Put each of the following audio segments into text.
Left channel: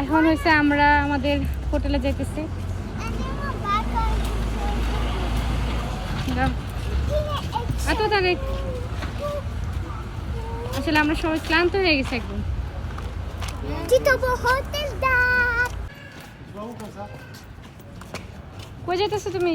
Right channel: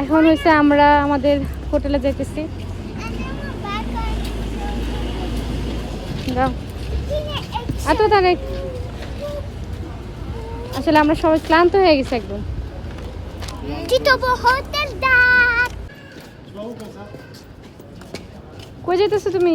এখন হচ্ছে আমরা আমাদের হোটেলে যেতেছি যাও। এত তাহলে আসলে আমরা সবাই ক্লান্ত হয়ে গেছি একদম। কই যেতেছো তুমি?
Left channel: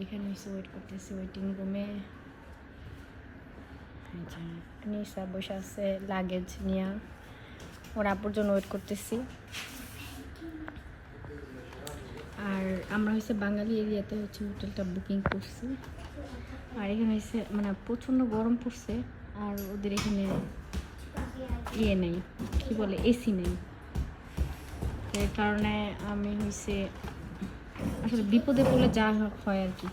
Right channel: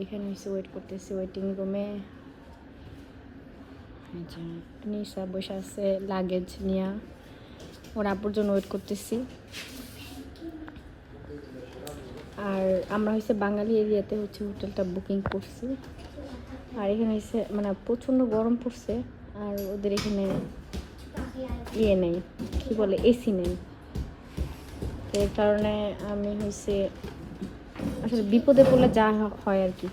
এখানে এসে ওয়েট করতেছি ওয়েটিং রুমে নিশা বসে আছে লাগেজ নিয়ে ওর আপুর জন্য ওয়েট করতেছি আর আমরা হচ্ছে বাঙালি এরিয়াতে হচ্ছে হোটেলটা বুকিং করছি আর এখানে হচ্ছে মানে প্রচণ্ড গরম পড়ছে আর ওদের এখানে ইয়ে নেই কি বলে এসি নেই এর কারণে আমি হচ্ছে আসলে বিপদে পড়লে যা হয় আর কি।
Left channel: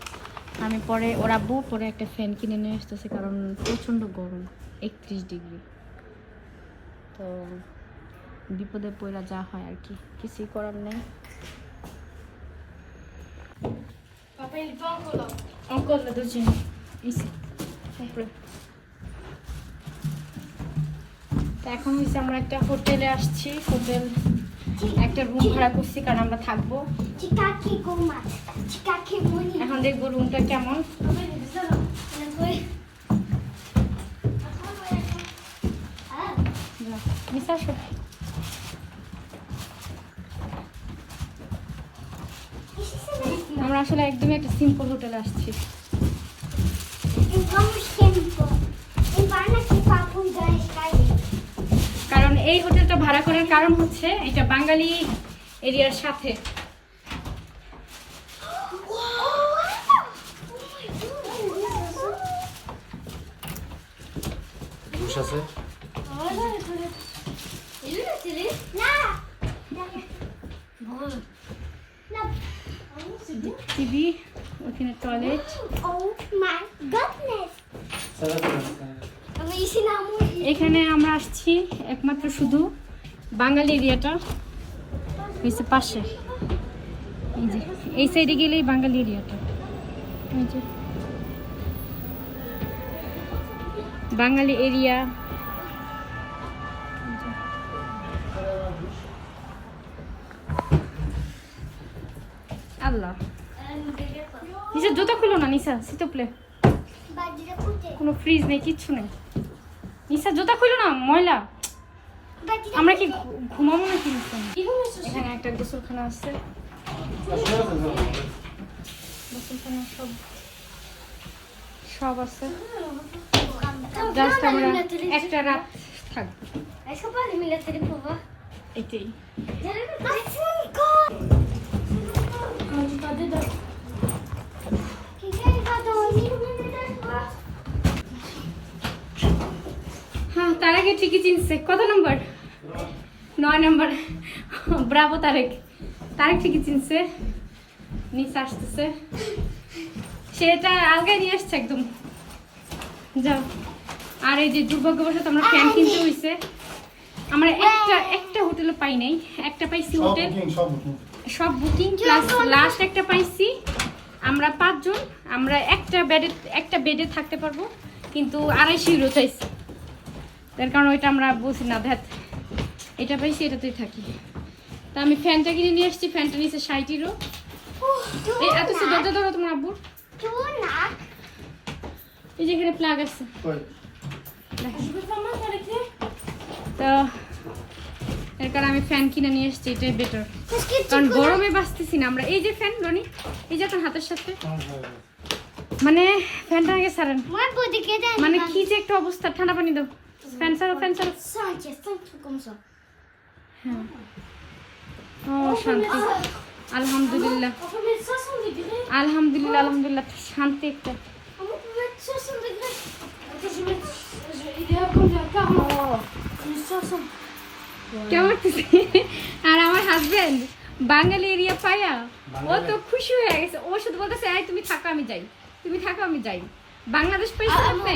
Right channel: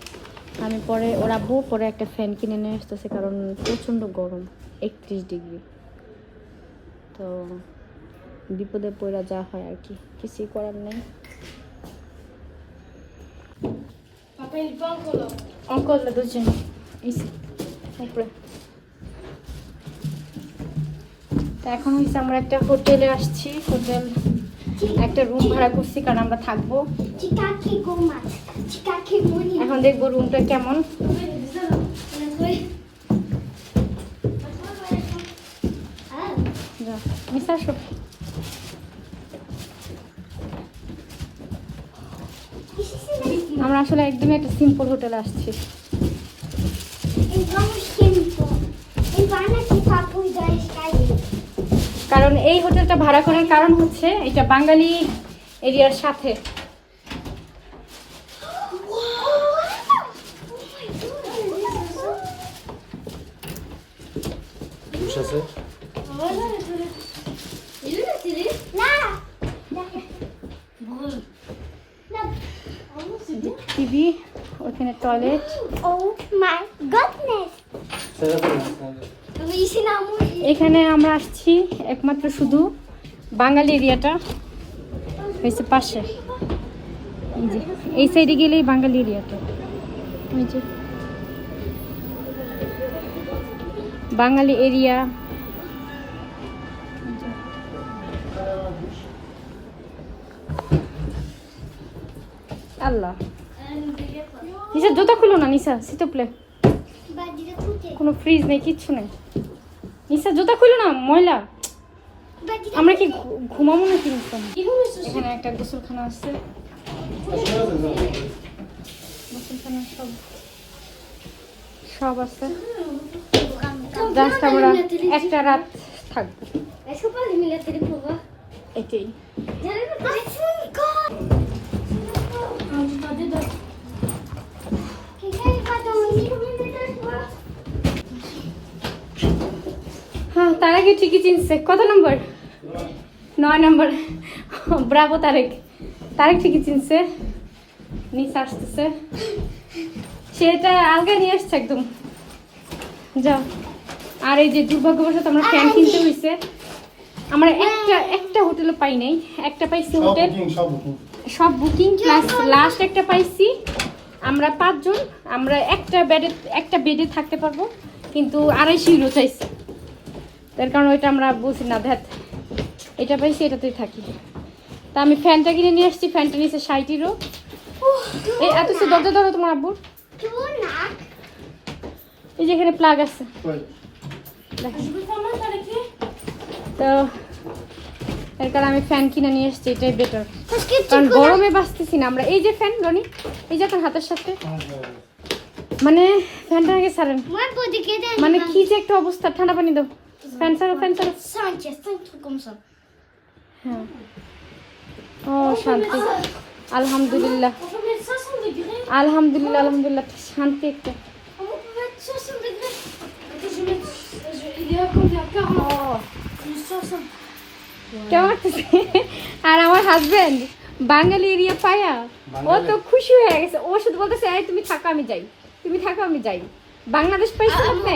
আমি পরে ওরা বউ পরে একটা ফ্যান কিনে নিয়ে আসতেছে কারণ প্রচণ্ড গরম একত্রিশ ডিগ্রি তো বিপদে পড়া যা হয় আর কি কিছুই করার নেই। এখন হচ্ছে আমরা একটা হোটেলে আসছি হোটেল একটা রুম ভাড়া করছি কারণ আমরা থাকব. এখন দেখব রুমটা কেমন। আমরা আসলে একদমই একটা সিম্পল হোটেল আসছি। কারণ এই হোটেলটা ভাড়া করার কারণ হচ্ছে এটা বাঙালি এরিয়ার সাথে। জুস আছে? টিভি ওখানে টয়লেট Oh my goodness! এখানে আমরা আসছি একমাত্র শুধু বাঙালি এরিয়াটা হয়েছে পাশে। এই যে এই সাইডে গেলেই বাঙালি এরিয়াটা। এই যে বাঙালি এরিয়া। আল্লাহ। নিশা জুতা খুলো না নিশা সিটো প্লে কোনো ফ্রিজ নেই কিচ্ছু নেই। নিশা জুতা খুলো না ময়লা। আমরা কি ঘুমাবো না কি এখানে একটা গোসলখানা আছে। গোসলখানা সব সব আছে। জাস্ট আমরা একটা রাত থাকব. এটাই। হ্যাঁ তার আগে ঠিকই চিনছে। কত নম্বর? নয় নম্বর। ব্রাভো তারেক। তারেক ঠিকই চিনছে। নিচে আসতেছে। সেটা আলগা নিয়ে আসছে একদম। যাও। আর এই যে দুর্ভাগ্যবশত আমরা ফ্যান কিনতে হয়েছে আমরা একটা একটা হোটেলে পাই নাই। একটা পাইছি হোটেল। সব বুকিং সব বুকিং প্লাস লাস্ট একটা পাইছি। আমরা পাঁচজন আমরা একটা বেডে একটা বেডে থাকতে পারব। কিন্তু আড়াইশো ইউরো চাইছি। তার কারণ ওইটা আমরা বলছি না ধ্যাত। এটা পাইছি এটাতেই থাকি। তা আমি ফ্যানটা কিনে নিয়ে আসছি ফ্যানটা নিয়েছে ষাট ইউরো এই এত সে দরজা ধরো তোমার আব্বুর। এই যে এখানে প্লাগ আছে। তো এর কারণে আমি ফ্যান কিনে নিয়ে এসছি এটাই বেটার কারণ গরমে বাঁচতেছি না আমরা। এই যে ফ্যান রনি এই যে আপনার হাতের সাথে। মানে ফ্যানটা আগে que মানে কি যে একটা অবস্থা ঠান্ডা পানি দাও। ফ্যান ছাড়ো ফ্যান ça. হ্যাঁ। ও শান্তি। আলহামদুলিল্লাহ। On peut mettre 500 degrés. আলহামদুলিল্লাহ আলহামদুলিল্লাহ শান্তি একটা। কেমন আর আমার হাজবেন্ড বাঙালি এরিয়া পায়া। ও তো খুশি হয়ে গেছে। ও শুধু বলতেছে তুমি থাকো আমি যাই। তুমি থাকো আমি যাই। বাংলাদেশ পাইছো আপনি